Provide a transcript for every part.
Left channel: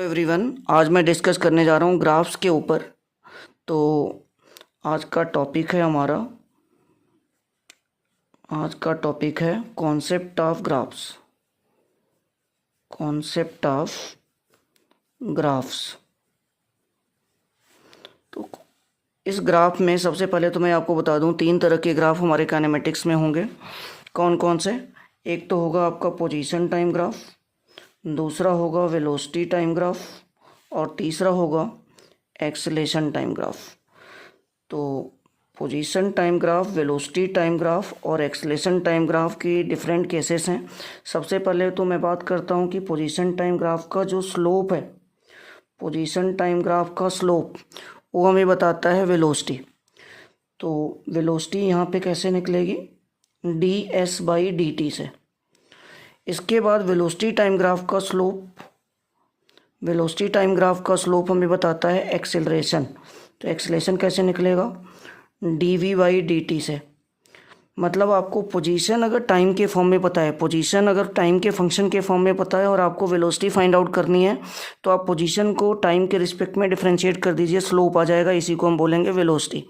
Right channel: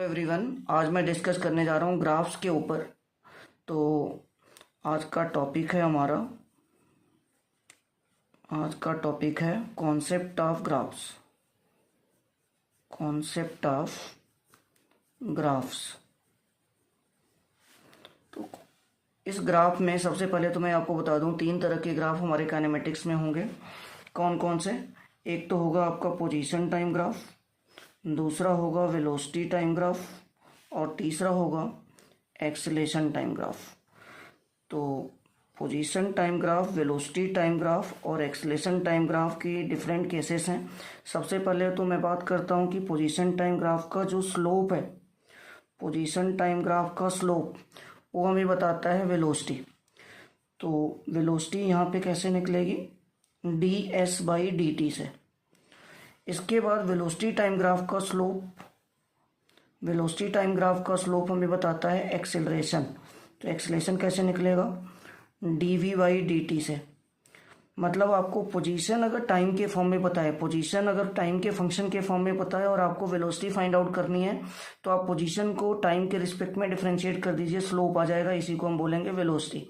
Everyone, आज मैं discuss करने जा रहा हूँ ग्राफ्स के ऊपर। तो आज का टॉपिक है कॉन्सेप्ट ऑफ ग्राफ्स। तो इस ग्राफ में सबसे पहले तो मैं आपको बता दूं, 3 तरह के ग्राफ हमारे काइनेमेटिक्स में होंगे। कौन कौन से? एक तो होगा आपका पोजीशन टाइम ग्राफ, दूसरा होगा वेलोसिटी टाइम ग्राफ और तीसरा होगा एक्सेलेरेशन टाइम ग्राफ। तो position time graph, velocity time graph और एक्सेलेरेशन टाइम ग्राफ की डिफरेंट केसेस हैं। सबसे पहले तो मैं बात करता हूं कि पोजीशन टाइम ग्राफ का जो स्लोप है, पोजीशन टाइम ग्राफ का स्लोप वो हमें बताता है वेलोसिटी। तो वेलोसिटी यहाँ पे कैसे निकलेगी? ds/dt से। इसके बाद वेलोसिटी टाइम ग्राफ का स्लोप हमें बताता है एक्सेलरेशन। तो एक्सेलरेशन कैसे निकलेगा? dv/dt से। मतलब आपको पोजीशन अगर टाइम के फॉर्म में पता है, पोजीशन अगर टाइम के फंक्शन के फॉर्म में पता है और आपको वेलोसिटी फाइंड आउट करनी है, तो आप पोजीशन को टाइम के रिस्पेक्ट में डिफरेंशिएट कर दीजिए, स्लोप आ जाएगा, इसी को हम बोलेंगे वेलोसिटी।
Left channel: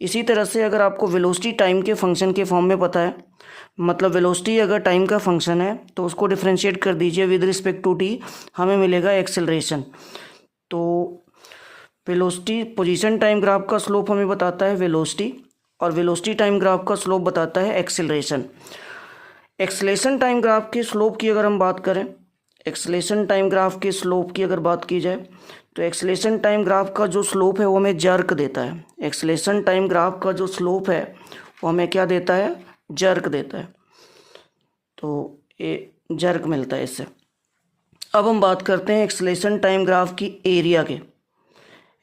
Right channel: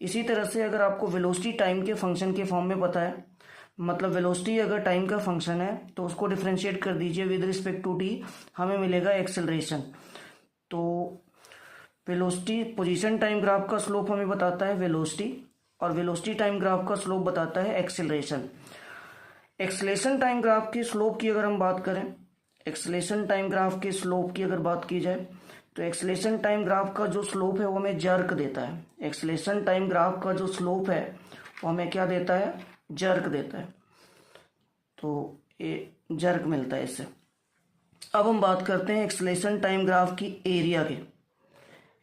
इसी तरह से अगर आपको वेलोसिटी टाइम के फंक्शन के फॉर्म में पता है, मतलब वेलोसिटी अगर टाइम का फंक्शन है तो उसको डिफरेंशिएट कर दीजिए विद रिस्पेक्ट टू टी, हमें मिलेगा एक्सेलरेशन। तो वेलोसिटी, पोजीशन टाइम ग्राफ का स्लोप हमें बताता है वेलोसिटी और वेलोसिटी टाइम ग्राफ का स्लोप बताता है एक्सेलरेशन। एक्सेलरेशन टाइम ग्राफ के स्लोप की अगर हम बात करें, एक्सेलरेशन टाइम ग्राफ के स्लोप की अगर बात की जाए, तो एक्सेलरेशन टाइम ग्राफ का जो स्लोप है वो हमें जर्क देता है। एक्सेलरेशन टाइम ग्राफ का जो स्लोप है वो हमें क्या देता है? जर्क देता है। तो ये जर्क मिलता है इससे। अब हम बात करते हैं एक्सेलरेशन टाइम ग्राफ की एरिया के।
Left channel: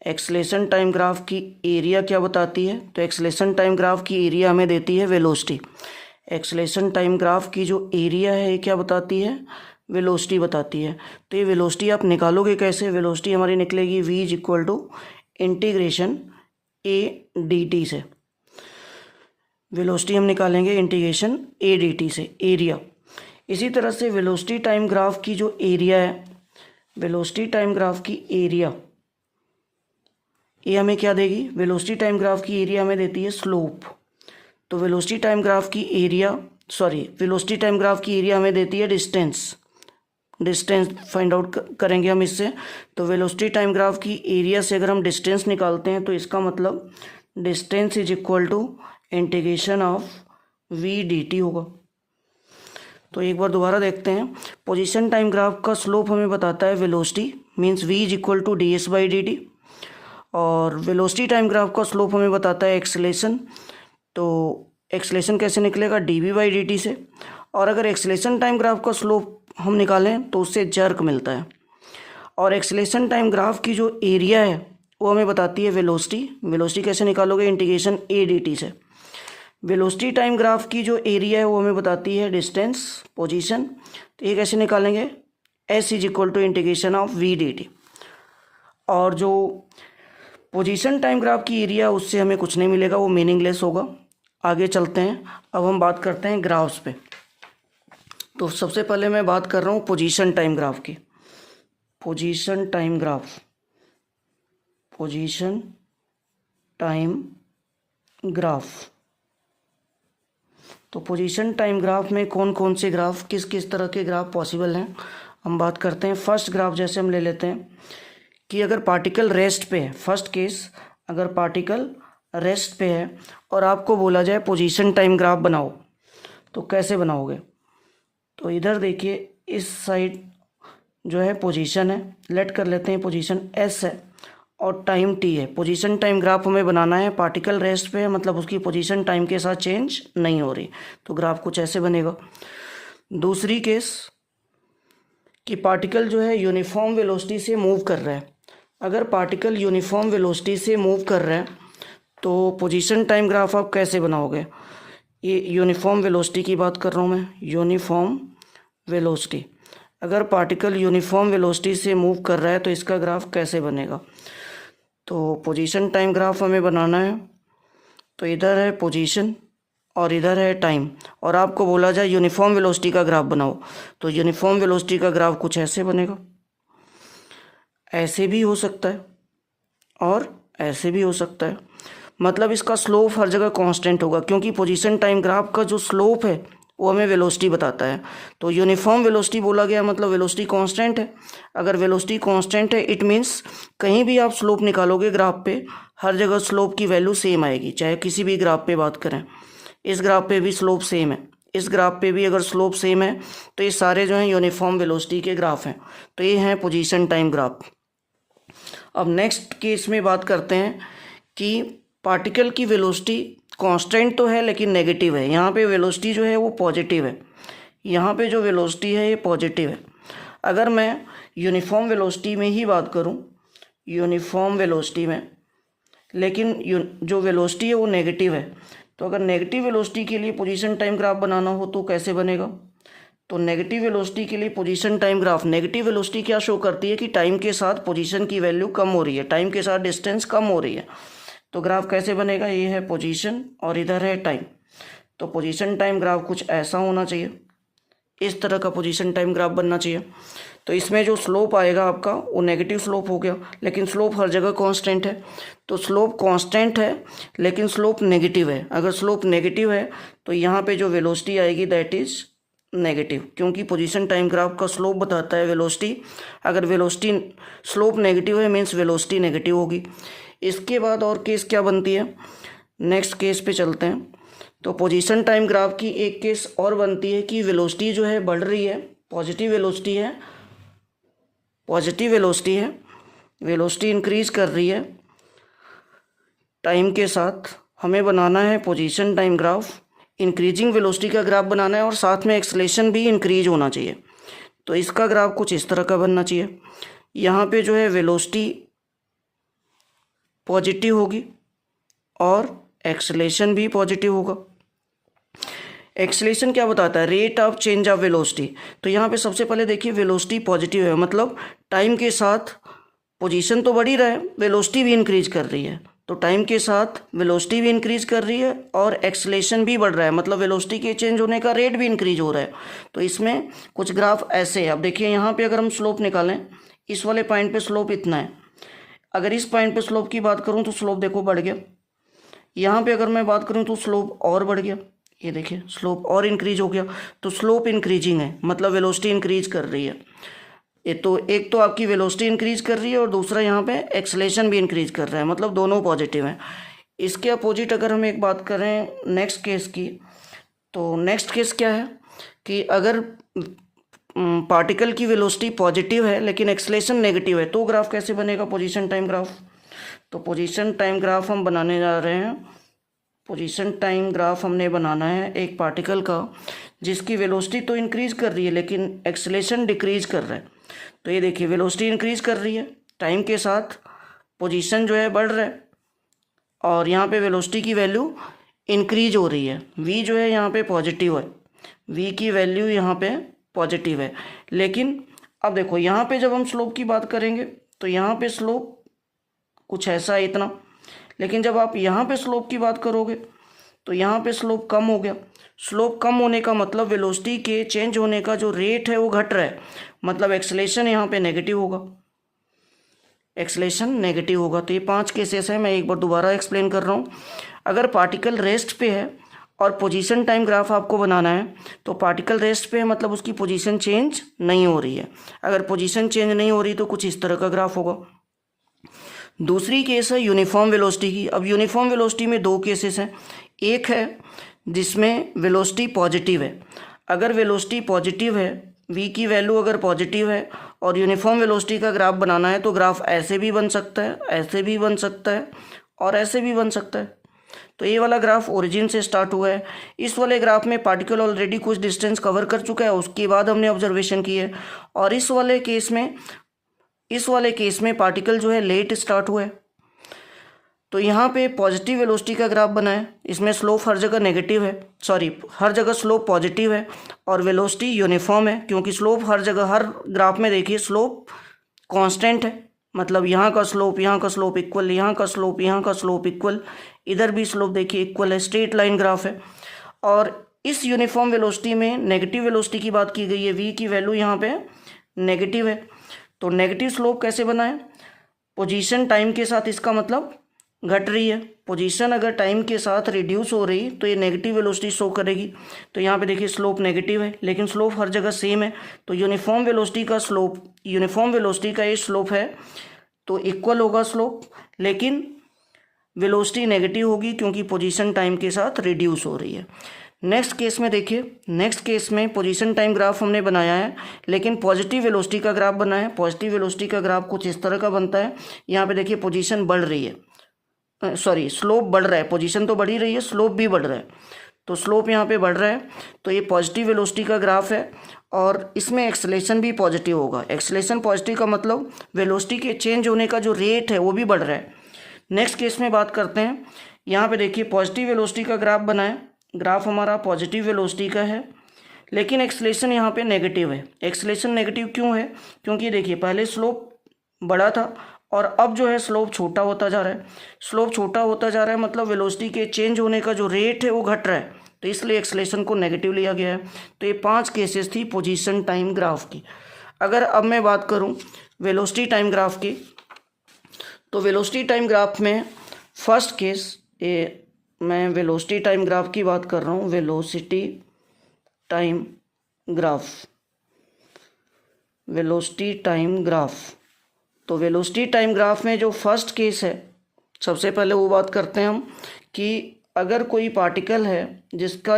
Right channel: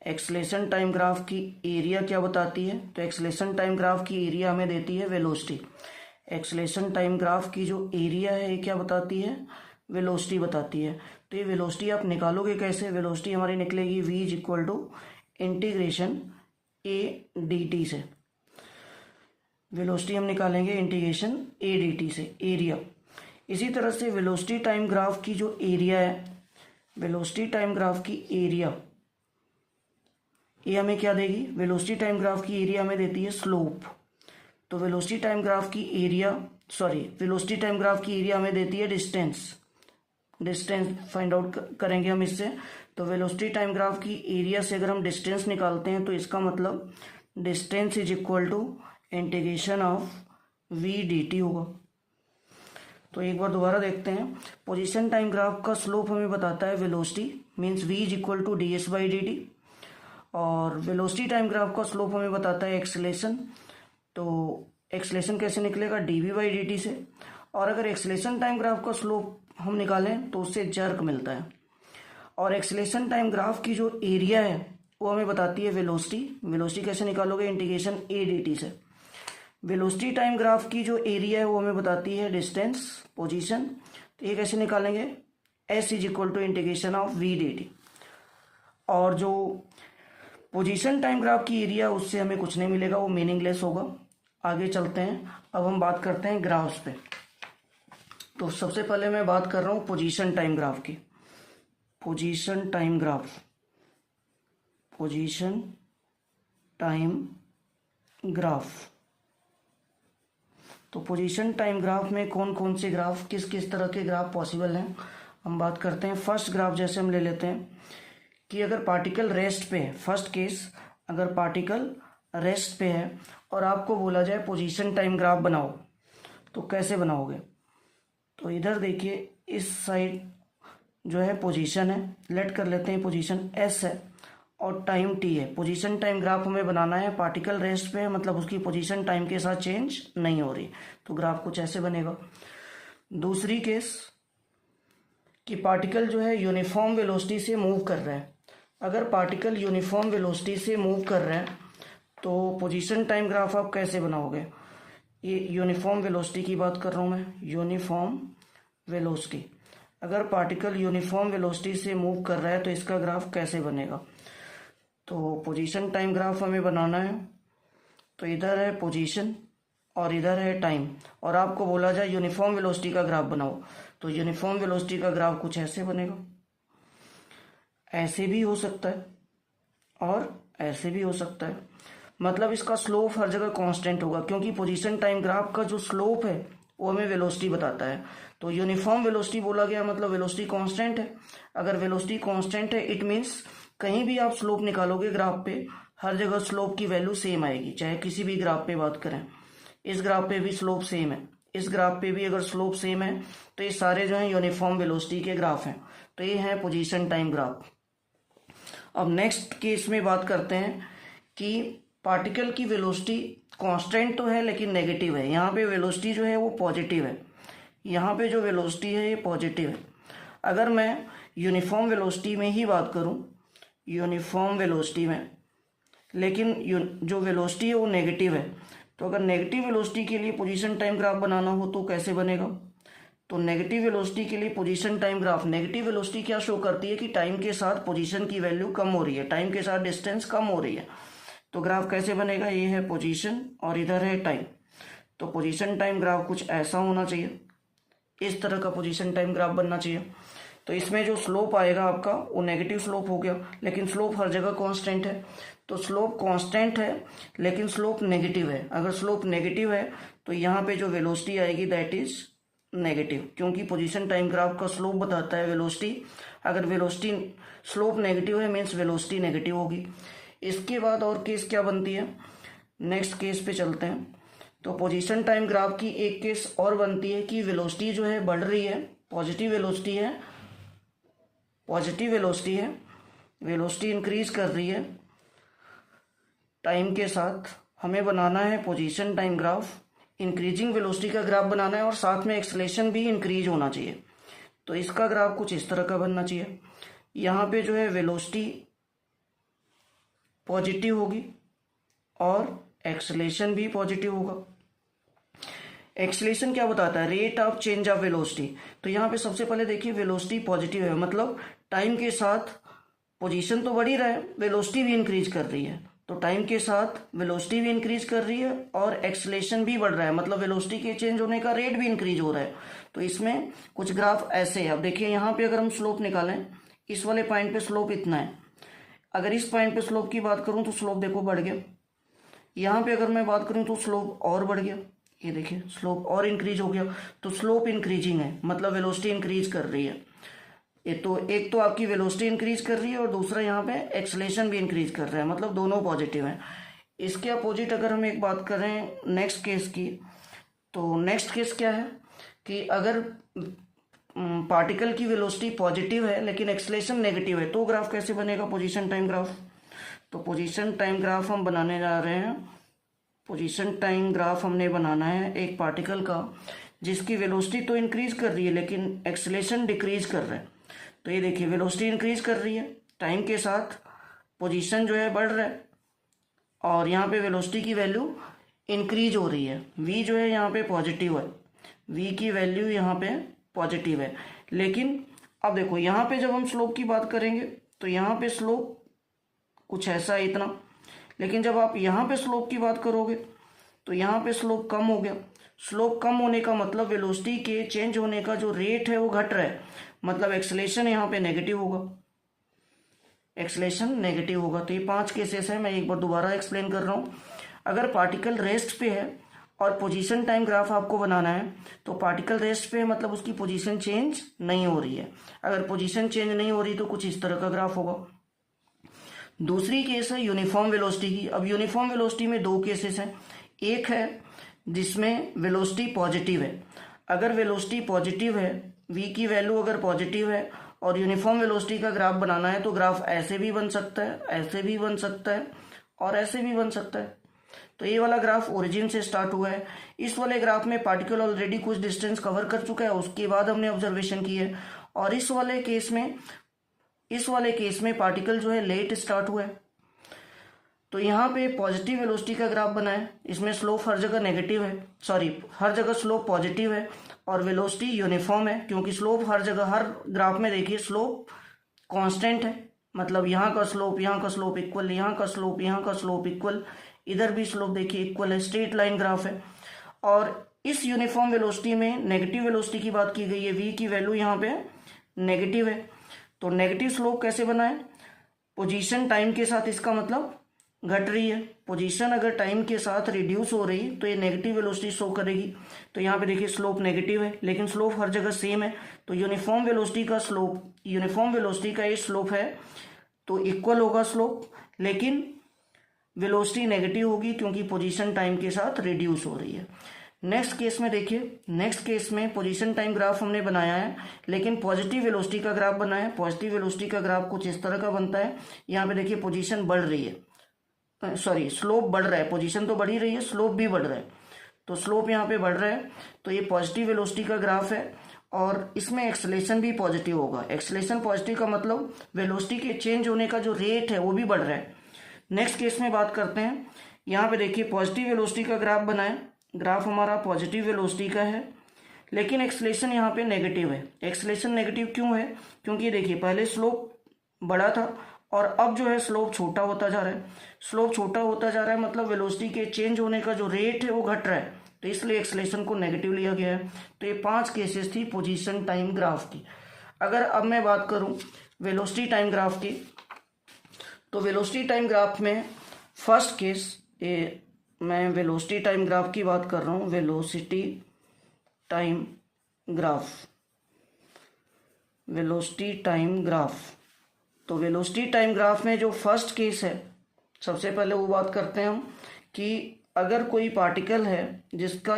एक्सेलरेशन टाइम ग्राफ की एरिया क्या बताती है? तो एक्सेलरेशन टाइम ग्राफ की एरिया हमें देती है वेलोसिटी। एक्सेलरेशन टाइम ग्राफ की जो एरिया है ये क्या बताती है? वेलोसिटी बताती है। तो ये वेलोसिटी आप निकालोगे कैसे? वेलोसिटी हमारी निकलेगी v=इंटीग्रेशन a/dt से। वेलोसिटी हम निकालेंगे इंटीग्रेशन a/dt से, एरिया। इसी तरह से वेलोसिटी टाइम ग्राफ की जो एरिया है, वेलोसिटी टाइम ग्राफ की एरिया ये हमें क्या देगी? वेलोसिटी टाइम ग्राफ की एरिया हमें देती है स्लोप। तो वेलोसिटी टाइम ग्राफ की एरिया हमें देती है डिस्टेंस फाइंड आउट करेंगे हम इससे। तो वेलोसिटी टाइम ग्राफ की एरिया से अगर हम डिस्टेंस निकालते हैं तो इसका मतलब distance is equal to integration of v/dt होगा। तो एक बार दोबारा देखते हैं। पोजीशन टाइम ग्राफ का स्लोप हमें बताता है वेलोसिटी, मींस v=ds/dt, और वेलोसिटी टाइम ग्राफ का स्लोप हमें बताता है एक्सेलरेशन। तो एक्सेलरेशन कैसे निकलेगा? dv/dt से। और अगर एक्सेलरेशन टाइम ग्राफ का स्लोप हम निकालें तो उससे जर्क मिलता है। और एक्सेलरेशन टाइम ग्राफ की जो एरिया है वो हमें बताती है वेलोसिटी कैसे निकालोगे? इंटीग्रेशन a/dt से। वेलोसिटी टाइम ग्राफ की जो एरिया है वो हमें बताती है डिस्टेंस, पोजीशन। तो ये कैसे निकालेंगे? s=इंटीग्रेशन ऑफ v/dt। और जो पोजीशन टाइम ग्राफ की एरिया उससे हमें कुछ नहीं मिलेगा, वो मीनिंगलेस होगा। आगे चलते हैं। अब हम बात करते हैं ग्राफ्स पे। तो सबसे पहले मैं बात कर रहा हूँ पोजीशन टाइम ग्राफ की। Position time graph. तो पोजीशन टाइम ग्राफ में कौन कौन से ग्राफ, किस किस तरह के ग्राफ पॉसिबल हैं, हम बात करते हैं। फर्स्ट ग्राफ जैसे हम ले लेते हैं कि अगर पार्टिकल रेस्ट पे है, फर्स्ट केस, अगर पार्टिकल रेस्ट पे है और आपको बोला जाए पोजीशन टाइम ग्राफ बनाओ, तो कैसे बनाओगे? तो इधर देखिए, इस साइड जो है पोजीशन है, लेट कर लेते हैं पोजीशन s है और टाइम t है। पोजीशन टाइम ग्राफ हमें बनाना है, पार्टिकल रेस्ट पे है, मतलब उसकी पोजीशन टाइम के साथ चेंज नहीं हो रही, तो ग्राफ कुछ ऐसे बनेगा। दूसरी केस कि पार्टिकल जो है यूनिफॉर्म वेलोसिटी से मूव कर रहा है। अगर पार्टिकल यूनिफॉर्म वेलोसिटी से मूव कर रहा है तो पोजीशन टाइम ग्राफ आप कैसे बनाओगे? ये यूनिफॉर्म वेलोसिटी की बात कर रहा हूँ मैं, यूनिफॉर्म वेलोसिटी। अगर पार्टिकल यूनिफॉर्म वेलोसिटी से मूव कर रहा है तो इसका ग्राफ कैसे बनेगा? तो पोजीशन टाइम ग्राफ हमें बनाना है, तो इधर है पोजीशन और इधर है टाइम, और आपको बोला जाए यूनिफॉर्म वेलोसिटी का ग्राफ बनाओ, तो यूनिफॉर्म वेलोसिटी का ग्राफ कुछ ऐसे बनेगा। ऐसे भी हो सकता है और ऐसे भी हो सकता है। मतलब इसका स्लोप हर जगह कांस्टेंट होगा, क्योंकि पोजीशन टाइम ग्राफ का जो स्लोप है वो हमें वेलोसिटी बताता है। तो यूनिफॉर्म वेलोसिटी बोला गया, मतलब वेलोसिटी कांस्टेंट है। अगर वेलोसिटी कांस्टेंट है इट मीन्स कहीं भी आप स्लोप निकालोगे ग्राफ पे, हर जगह स्लोप की वैल्यू सेम आएगी, चाहे किसी भी ग्राफ पे बात करें। इस ग्राफ पे भी स्लोप सेम है, इस ग्राफ पे भी अगर स्लोप सेम है, तो ये सारे जो हैं यूनिफॉर्म वेलोसिटी के ग्राफ हैं। तो ये हैं पोजीशन टाइम ग्राफ। अब नेक्स्ट केस में बात करते हैं कि पार्टिकल की वेलोसिटी कांस्टेंट तो है लेकिन नेगेटिव है। यहाँ पे वेलोसिटी जो है वो पॉजिटिव है, यहाँ पे जो वेलोसिटी है ये पॉजिटिव है। अगर मैं यूनिफॉर्म वेलोसिटी में ही बात करूँ, यूनिफॉर्म वेलोसिटी में, लेकिन जो वेलोसिटी है वो नेगेटिव है, तो अगर नेगेटिव वेलोसिटी के लिए पोजीशन टाइम ग्राफ बनाना हो तो कैसे बनेगा? तो नेगेटिव वेलोसिटी के लिए position time graph, negative velocity क्या शो करती है कि टाइम के साथ पोजीशन की वैल्यू कम हो रही है, टाइम के साथ डिस्टेंस कम हो रही है। तो ग्राफ कैसे बनेगा? ये है पोजीशन और इधर है टाइम। तो पोजीशन टाइम ग्राफ कुछ ऐसा होना चाहिए, इस तरह का पोजीशन टाइम ग्राफ बनना चाहिए। तो इसमें जो स्लोप आएगा आपका वो नेगेटिव स्लोप हो गया, लेकिन स्लोप हर जगह कांस्टेंट है। तो स्लोप कांस्टेंट है लेकिन स्लोप नेगेटिव है। अगर स्लोप नेगेटिव है तो यहाँ पे जो वेलोसिटी आएगी दैट इज नेगेटिव, क्योंकि पोजीशन टाइम ग्राफ का स्लोप बताता है वेलोसिटी। अगर वेलोसिटी स्लोप नेगेटिव है मीन्स वेलोसिटी नेगेटिव होगी। इसके बाद और केस क्या बनती है, नेक्स्ट केस पे चलते हैं। तो पोजीशन टाइम ग्राफ की एक केस और बनती है कि वेलोसिटी जो है बढ़ रही है, पॉजिटिव वेलोसिटी है, पॉजिटिव वेलोसिटी है, वेलोसिटी इंक्रीज कर रही है टाइम के साथ। हमें बनाना है position time graph, increasing velocity का ग्राफ बनाना है और साथ में एक्सेलेरेशन भी इंक्रीज होना चाहिए। तो इसका ग्राफ कुछ इस तरह का बनना चाहिए। यहाँ पे जो है वेलोसिटी पॉजिटिव होगी और एक्सेलेरेशन भी पॉजिटिव होगा। एक्सेलेरेशन क्या बताता है? Rate of change of velocity. तो यहाँ पे सबसे पहले देखिए वेलोसिटी पॉजिटिव है, मतलब टाइम के साथ पोजीशन तो बढ़ ही रहा है, वेलोसिटी भी इंक्रीज कर रही है। तो टाइम के साथ वेलोसिटी भी इंक्रीज कर रही है और एक्सेलेरेशन भी बढ़ रहा है, मतलब वेलोसिटी के चेंज होने का रेट भी इंक्रीज हो रहा है। तो इसमें कुछ ग्राफ ऐसे है। अब देखिए यहाँ पे अगर हम स्लोप निकालें, इस वाले पॉइंट पे स्लोप इतना है, अगर इस पॉइंट पे स्लोप की बात करूँ तो स्लोप देखो बढ़ गया। यहाँ पे अगर मैं बात करूँ तो स्लोप और बढ़ गया, ये देखिए स्लोप और इंक्रीज हो गया। तो स्लोप इंक्रीजिंग है, मतलब वेलोसिटी इंक्रीज कर रही है। ये तो एक तो आपकी वेलोसिटी इंक्रीज कर रही है और दूसरा यहाँ पे एक्सेलेरेशन भी इंक्रीज कर रहा है, मतलब दोनों पॉजिटिव हैं। इसके अपोजिट अगर हम एक बात करें नेक्स्ट केस की, तो नेक्स्ट केस क्या है कि अगर पार्टिकल की वेलोसिटी पॉजिटिव है लेकिन एक्सेलेरेशन नेगेटिव है, तो ग्राफ कैसे बनेगा पोजीशन टाइम ग्राफ? तो पोजीशन टाइम ग्राफ हम बनाने जा रहे हैं। पोजीशन टाइम ग्राफ हमने बनाना है एक पार्टिकल का जिसकी वेलोसिटी तो इंक्रीज कर रही है लेकिन एक्सेलेरेशन डिक्रीज कर रहा है। तो ये देखिए वेलोसिटी इंक्रीज कर रही है, टाइम के साथ पोजीशन जो है बढ़ रहा है और यहाँ पे वेलोसिटी की वैल्यू इंक्रीज हो रही है। v जो है यहाँ पे पॉजिटिव है, v की वैल्यू यहाँ पे पॉजिटिव है। लेकिन अब देखो यहाँ पे जब हम स्लोप की बात करेंगे तो यहाँ पे स्लोप कुछ ऐसा है इतना, लेकिन जब आप यहाँ पे स्लोप की बात करोगे तो यहाँ पे स्लोप कम हो गया। स्लोप कम होने का मतलब वेलोसिटी के चेंज होने का जो रेट है वो घट रहा है, मतलब एक्सेलेरेशन यहाँ पे नेगेटिव होगा, एक्सेलेरेशन नेगेटिव होगा। तो ये 5 केसेस है, मैं एक बार दोबारा एक्सप्लेन कर रहा हूँ। अगर पार्टिकल रेस्ट पे है और पोजीशन टाइम ग्राफ आपको बनाना है तो पार्टिकल रेस्ट पे है, मतलब उसकी पोजीशन चेंज नहीं हो रही है। अगर पोजीशन चेंज नहीं हो रही तो कुछ इस तरह का ग्राफ होगा। दूसरी केस है यूनिफॉर्म वेलोसिटी की। अब यूनिफॉर्म वेलोसिटी में 2 केसेस हैं। एक है जिसमें वेलोसिटी पॉजिटिव है। अगर वेलोसिटी पॉजिटिव है, v की वैल्यू अगर पॉजिटिव है और यूनिफॉर्म वेलोसिटी का ग्राफ बनाना है तो ग्राफ ऐसे भी बन सकता है, ऐसे भी बन सकता है और ऐसे भी बन सकता है। तो ये वाला ग्राफ ओरिजिन से स्टार्ट हुआ है। इस वाले ग्राफ में पार्टिकल ऑलरेडी कुछ डिस्टेंस कवर कर चुका है, उसके बाद हमने ऑब्जर्वेशन की है। और इस वाले केस में पार्टिकल जो है लेट स्टार्ट हुआ है। तो यहाँ पे पॉजिटिव वेलोसिटी का ग्राफ बना है, इसमें स्लोप हर जगह नेगेटिव है, हर जगह स्लोप पॉजिटिव है और वेलोसिटी यूनिफॉर्म है, क्योंकि स्लोप हर जगह, हर ग्राफ में देखिए स्लोप कांस्टेंट है, मतलब यहाँ का स्लोप इक्वल, यहाँ का स्लोप इक्वल, इधर भी स्लोप देखिए इक्वल है, स्ट्रेट लाइन ग्राफ है। और इस यूनिफॉर्म वेलोसिटी में नेगेटिव वेलोसिटी की बात की गई है, v की वैल्यू यहाँ पे नेगेटिव है। तो नेगेटिव स्लोप कैसे बना है, पोजीशन टाइम के साथ इसका मतलब घट रही है, पोजीशन अगर टाइम के साथ रिड्यूस हो रही तो ये नेगेटिव वेलोसिटी शो करेगी। तो यहाँ पे देखिए स्लोप नेगेटिव है लेकिन स्लोप हर जगह सेम है, तो यूनिफॉर्म वेलोसिटी का स्लोप, यूनिफॉर्म वेलोसिटी का ये स्लोप है तो इक्वल होगा स्लोप, लेकिन वेलोसिटी नेगेटिव होगी क्योंकि पोजीशन टाइम के साथ रिड्यूस हो रही है। नेक्स्ट केस में देखिए, नेक्स्ट केस में पोजीशन टाइम ग्राफ हमने बनाया है लेकिन पॉजिटिव वेलोसिटी का ग्राफ बना है। पॉजिटिव वेलोसिटी का ग्राफ कुछ इस तरह का बनता है, यहाँ पे देखिए पोजीशन बढ़ रही है, सॉरी स्लोप बढ़ रहा है, पोजीशन तो बढ़ ही रही है, स्लोप भी बढ़ रहा है, तो स्लोप यहाँ पे बढ़ रहा है, तो ये पॉजिटिव वेलोसिटी का ग्राफ है और इसमें एक्सेलेरेशन भी पॉजिटिव होगा। एक्सेलेरेशन पॉजिटिव का मतलब वेलोसिटी के चेंज होने का जो रेट है वो भी बढ़ रहा है। नेक्स्ट केस में बात करते हैं, यहाँ पे देखिए पॉजिटिव वेलोसिटी का ग्राफ बना है, ग्राफ हमारा पॉजिटिव वेलोसिटी का है लेकिन एक्सेलेरेशन यहाँ पे नेगेटिव है। एक्सेलेरेशन नेगेटिव क्यों है, क्योंकि देखिए पहले स्लोप बड़ा था और अब जो है स्लोप छोटा होता जा रहा है। स्लोप छोटा होता जा रहा है मतलब वेलोसिटी के चेंज होने का जो रेट है वो घट रहा है, तो इसलिए एक्सेलेरेशन को नेगेटिव लिया गया है। तो ये 5 केसेस थी पोजीशन टाइम ग्राफ की। अगर अब मैं बात करूं वेलोसिटी टाइम ग्राफ की, तो वेलोसिटी टाइम ग्राफ में फर्स्ट केस, ये मैं वेलोसिटी टाइम ग्राफ की बात कर रहा हूँ, velocity time graph, velocity time graph. तो वेलोसिटी टाइम ग्राफ में जो फर्स्ट केस है, सबसे पहले वो बात करते हैं हम कि अगर कोई पार्टिकल है जिसका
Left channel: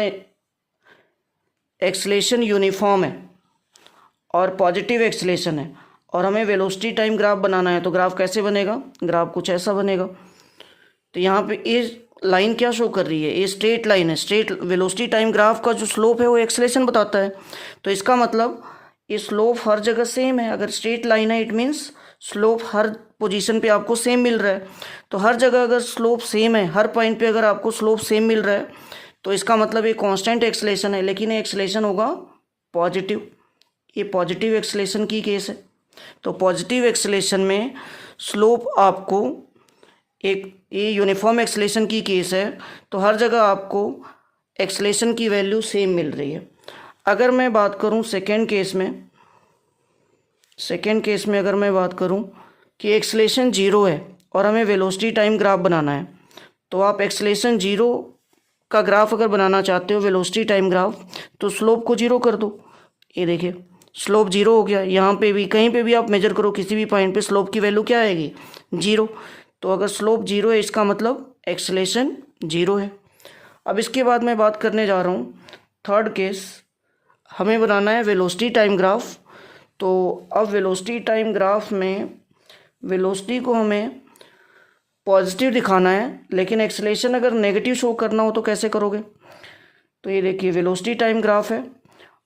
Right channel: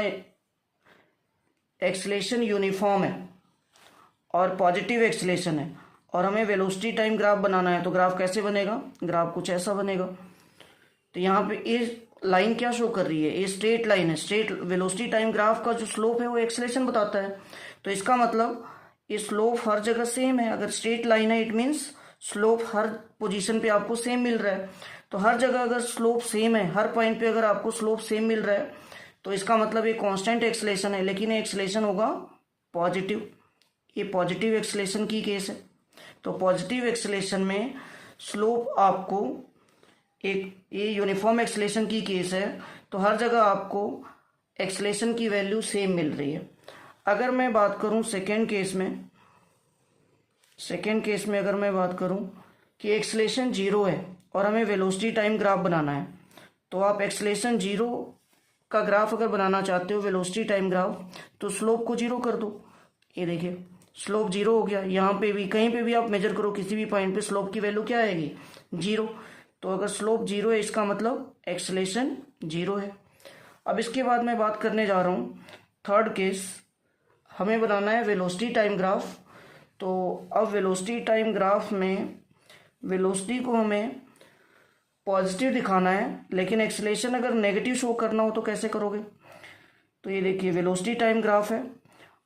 एक्सेलेरेशन यूनिफॉर्म है और पॉजिटिव एक्सेलेरेशन है और हमें वेलोसिटी टाइम ग्राफ बनाना है, तो ग्राफ कैसे बनेगा, ग्राफ कुछ ऐसा बनेगा। तो यहाँ पे ये लाइन क्या शो कर रही है, ये स्ट्रेट लाइन है, स्ट्रेट वेलोसिटी टाइम ग्राफ का जो स्लोप है वो एक्सेलेरेशन बताता है, तो इसका मतलब ये स्लोप हर जगह सेम है। अगर स्ट्रेट लाइन है it means slope her position पे आपको सेम मिल रहा है, तो हर जगह अगर स्लोप सेम है, हर पॉइंट पे अगर आपको स्लोप सेम मिल रहा है तो इसका मतलब ये कांस्टेंट एक्सेलेरेशन है, लेकिन ये एक्सेलेरेशन होगा पॉजिटिव, ये पॉजिटिव एक्सेलेरेशन की केस है। तो पॉजिटिव एक्सेलेरेशन में स्लोप आपको एक, ये यूनिफॉर्म एक्सेलेरेशन की केस है तो हर जगह आपको एक्सेलेरेशन की वैल्यू सेम मिल रही है। अगर मैं बात करूँ सेकेंड केस में, सेकेंड केस में अगर मैं बात करूं कि एक्सेलेरेशन 0 है और हमें वेलोसिटी टाइम ग्राफ बनाना है, तो आप एक्सेलेरेशन 0 का ग्राफ अगर बनाना चाहते हो वेलोसिटी टाइम ग्राफ, तो स्लोप को 0 कर दो। ये देखिए स्लोप 0 हो गया, यहाँ पे भी कहीं पे भी आप मेजर करो किसी भी पॉइंट पे स्लोप की वैल्यू क्या आएगी, 0। तो अगर स्लोप 0 है इसका मतलब एक्सेलेरेशन 0 है। अब इसके बाद मैं बात करने जा रहा हूँ थर्ड केस, हमें बनाना है वेलोसिटी टाइम ग्राफ। तो अब वेलोसिटी टाइम ग्राफ में वेलोसिटी को हमें पॉजिटिव दिखाना है लेकिन एक्सेलेरेशन अगर नेगेटिव शो करना हो तो कैसे करोगे। तो ये देखिए वेलोसिटी टाइम ग्राफ है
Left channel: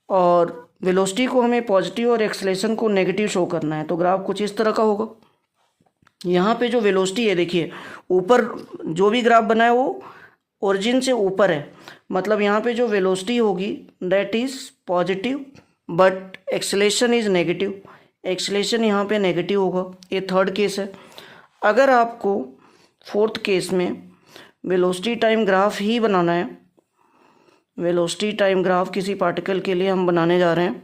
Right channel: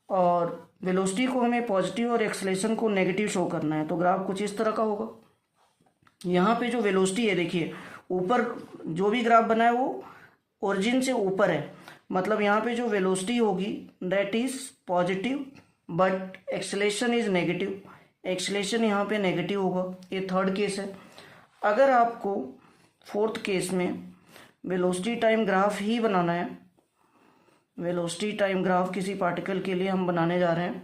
और वेलोसिटी को हमें पॉजिटिव और एक्सेलेरेशन को नेगेटिव शो करना है, तो ग्राफ कुछ इस तरह का होगा। यहाँ पे जो वेलोसिटी है देखिए ऊपर जो भी ग्राफ बना है वो ओरिजिन से ऊपर है, मतलब यहाँ पे जो वेलोसिटी होगी that is positive but acceleration is negative, acceleration यहाँ पे नेगेटिव होगा। ये थर्ड केस है। अगर आपको फोर्थ केस में वेलोसिटी टाइम ग्राफ ही बनाना है, वेलोसिटी टाइम ग्राफ किसी पार्टिकल के लिए हम बनाने जा रहे हैं,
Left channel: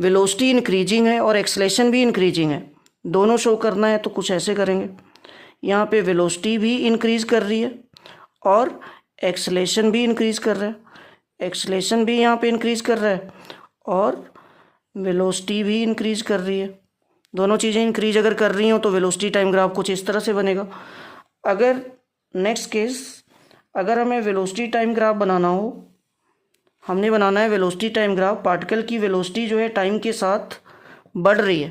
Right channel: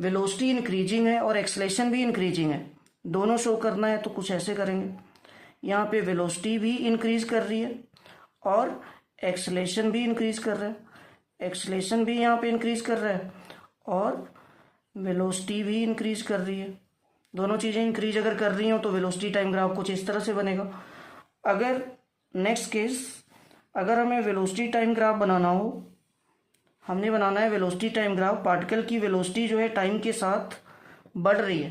वेलोसिटी इंक्रीजिंग है और एक्सेलेरेशन भी इंक्रीजिंग है, दोनों शो करना है, तो कुछ ऐसे करेंगे। यहाँ पे वेलोसिटी भी इंक्रीज कर रही है और एक्सेलेरेशन भी इंक्रीज कर रहा है, एक्सेलेरेशन भी यहाँ पे इंक्रीज कर रहा है और वेलोसिटी भी इंक्रीज कर रही है। दोनों चीज़ें इंक्रीज अगर कर रही हो तो वेलोसिटी टाइम ग्राफ कुछ इस तरह से बनेगा। अगर नेक्स्ट केस, अगर हमें वेलोसिटी टाइम ग्राफ बनाना हो, हमने बनाना है वेलोसिटी टाइम ग्राफ, पार्टिकल की वेलोसिटी जो है टाइम के साथ बढ़ रही है,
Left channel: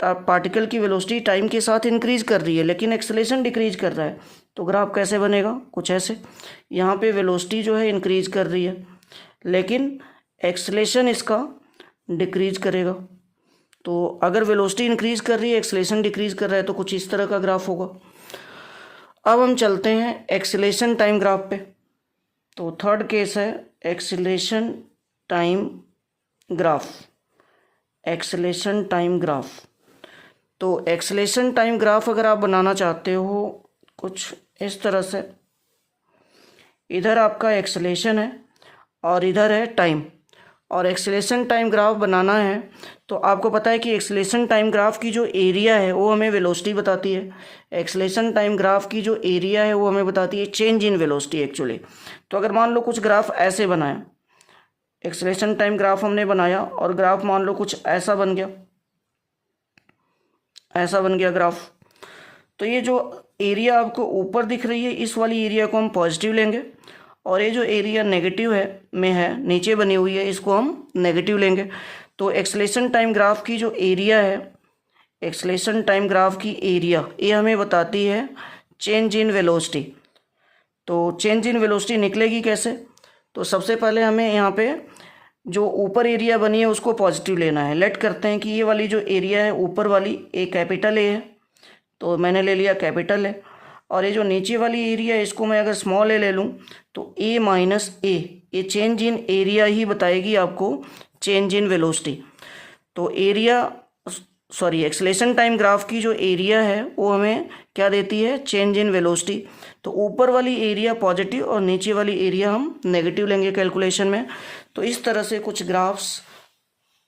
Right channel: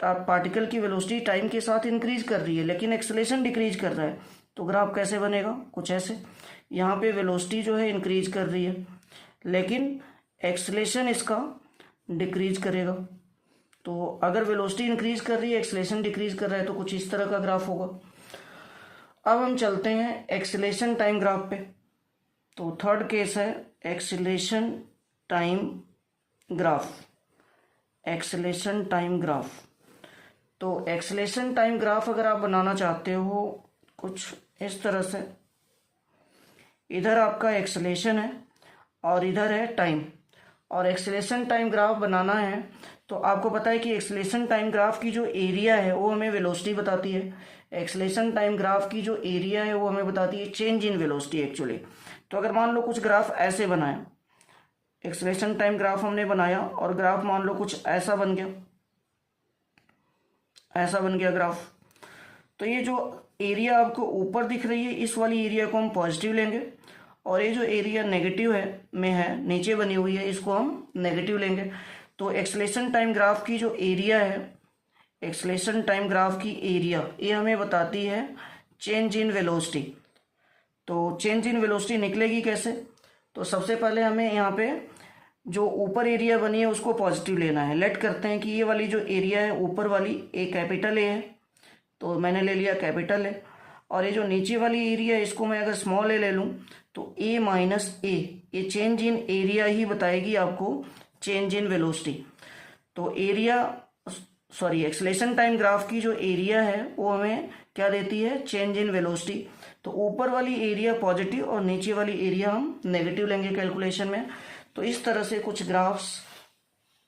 पार्टिकल की वेलोसिटी टाइम के साथ इंक्रीज कर रही है लेकिन एक्सेलेरेशन डिक्रीज कर रहा है, तो ग्राफ कैसे बनेगा, कुछ ऐसे। यहाँ पे वेलोसिटी जो है इंक्रीज कर रही है लेकिन एक्सेलेरेशन इसका डिक्रीज करेगा। तो अगर वेलोसिटी इंक्रीज कर रही है एक्सेलेरेशन डिक्रीज कर रहा है तो कुछ इस तरह का ग्राफ होगा। अब हम चलते हैं एक्सेलेरेशन टाइम ग्राफ पे। तो थर्ड केस है acceleration time graph, acceleration time graph. तो एक्सेलेरेशन टाइम ग्राफ अगर आप बनाना चाहते हो कुछ इस तरह से, इधर आपका एक्सेलेरेशन है और इधर है टाइम, और एक्सेलेरेशन टाइम ग्राफ बनाना है तो आपको पता है कि एक्सेलेरेशन टाइम ग्राफ की जो एरिया है वो हमें वेलोसिटी बताती है। एक्सेलेरेशन टाइम ग्राफ की जो एरिया है वो हमें बताती है चेंज इन वेलोसिटी एक्चुअली। तो अगर मान लो कुछ ग्राफ ऐसे बनाए, एक्सेलेरेशन टाइम ग्राफ हमने बनाया और ग्राफ मान लो कुछ ऐसा बन गया, ऐसा बन गया ग्राफ। तो ये जो एरिया आपको ऊपर दिख रही है इस वाली एरिया को हम पॉजिटिव लेंगे और ये जो एरिया नेगेटिव है में है नीचे बनी हुई है इसको हम नेगेटिव लेंगे। तो एक्सेलेरेशन टाइम ग्राफ की जो एरिया है, एक्सेलेरेशन टाइम ग्राफ की एरिया ये हमें बताती है चेंज इन वेलोसिटी। तो चेंज इन वेलोसिटी निकलेगी कैसे? तो सबसे पहले हमें यहाँ पे जो ऊपर एरिया बनी है उसको पॉजिटिव लेना है। लेट करते हैं कि ये वाली जो एरिया है ऊपर वाली ए कैपिटल ए है, तो मैंने ले लिया कैपिटल ए। और ये जो नीचे वाली एरिया है इसको मैं अगर स्मॉल ए ले लूँ तो ए माइनस ए, ये चेंज इन एरिया ही बताएगी आपको चेंज इन वेलोसिटी। तो area sorry acceleration time graph की जो एरिया है वो हमें क्या देती है? Change in velocity. तो ऊपर वाली एरिया पॉजिटिव और नीचे वाली एरिया हम नेगेटिव लेंगे कैलकुलेशन में। तो इस तरह से कुछ ग्राफ्स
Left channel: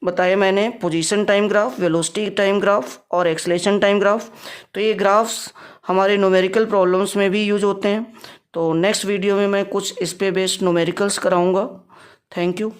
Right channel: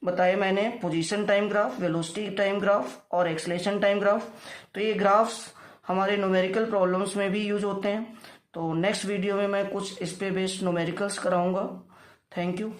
बताए मैंने, position time graph, velocity time graph और एक्सेलेरेशन टाइम ग्राफ। तो ये ग्राफ्स हमारे न्यूमेरिकल प्रॉब्लम्स में भी यूज होते हैं। तो नेक्स्ट वीडियो में मैं कुछ इस पे बेस्ड न्यूमेरिकल्स कराऊंगा। Thank you.